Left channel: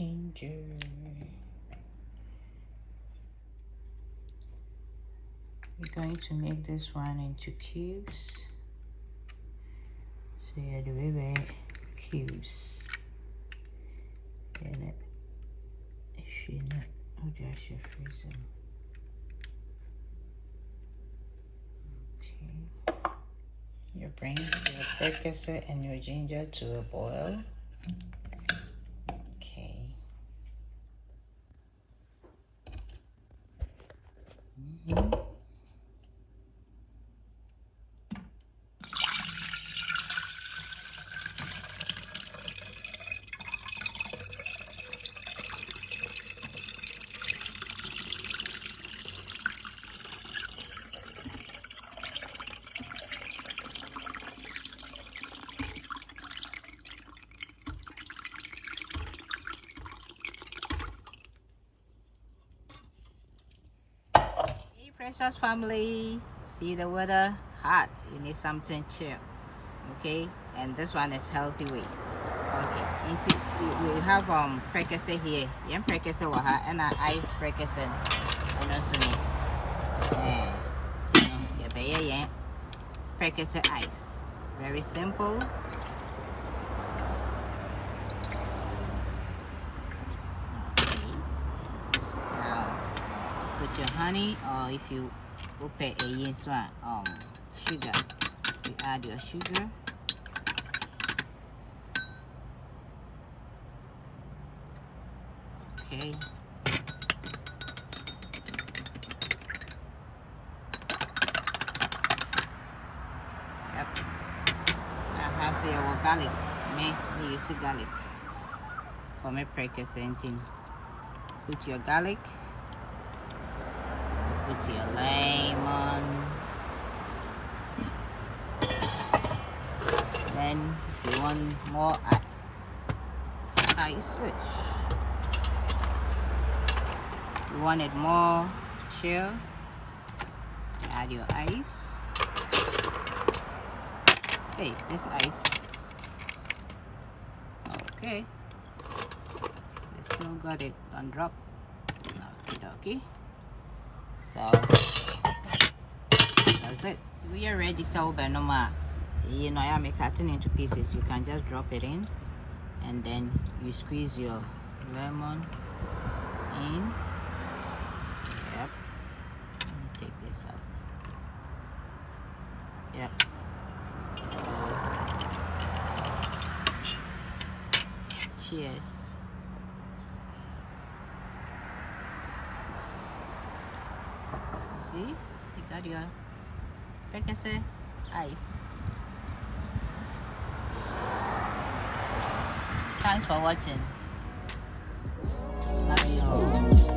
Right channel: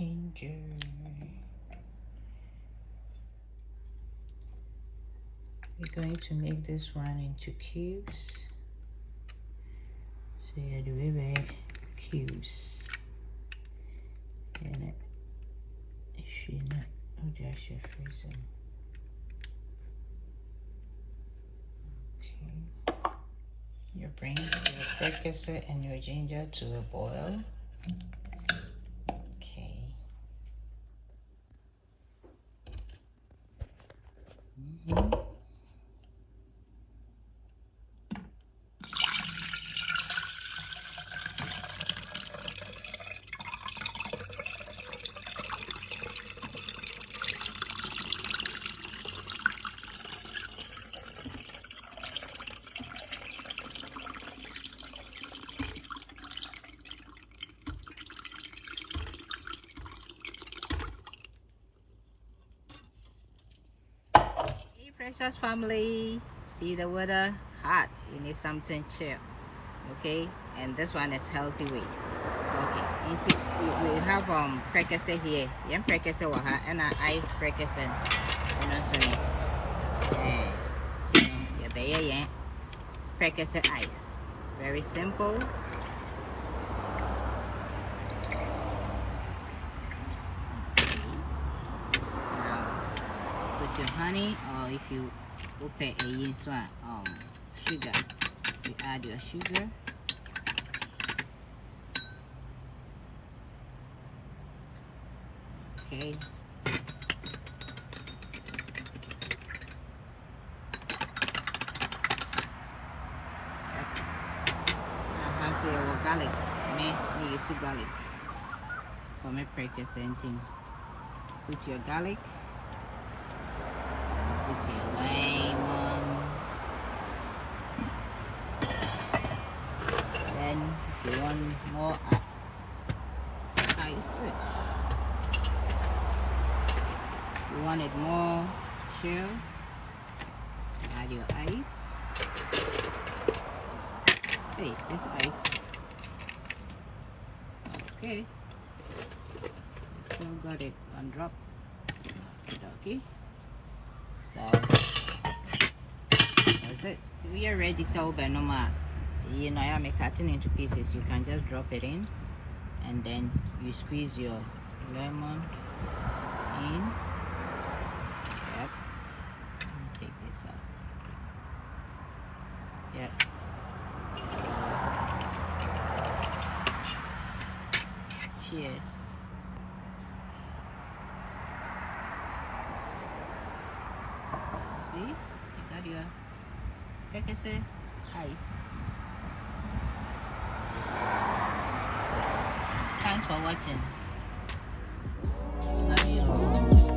ginger. We're going to make this one into cubes. So yeah, the baby cubes. And it should not. Oh, I should freeze them. Okay. You bring your prekese and your ginger to a boil. Okay. Precious family, see the weather hot, you need something chill, okay? And this one is healthy way. Okay, we have prekese here. Yeah, prekese waha and ice prekese and also so yeah prekese ice. Very simple. Put your honey, or if you go pay a sugar, you add your sugar. Okay. Yep. Now have your garlic. Me use garlic for me prekese anything. Put your garlic. Put your lemon. Then if you want more ice, you want it more chill, add your ice. Hey, this ice. Okay. I still got it on drop. Okay. So that's it. We are ready. So benoma, you know, I am cutting into pieces. You can just drop it in, and then you squeeze your lemon in. Yep. Take this up. Yep. So cheers. See, you got your prekese ice. Thanks for watching. Love you all.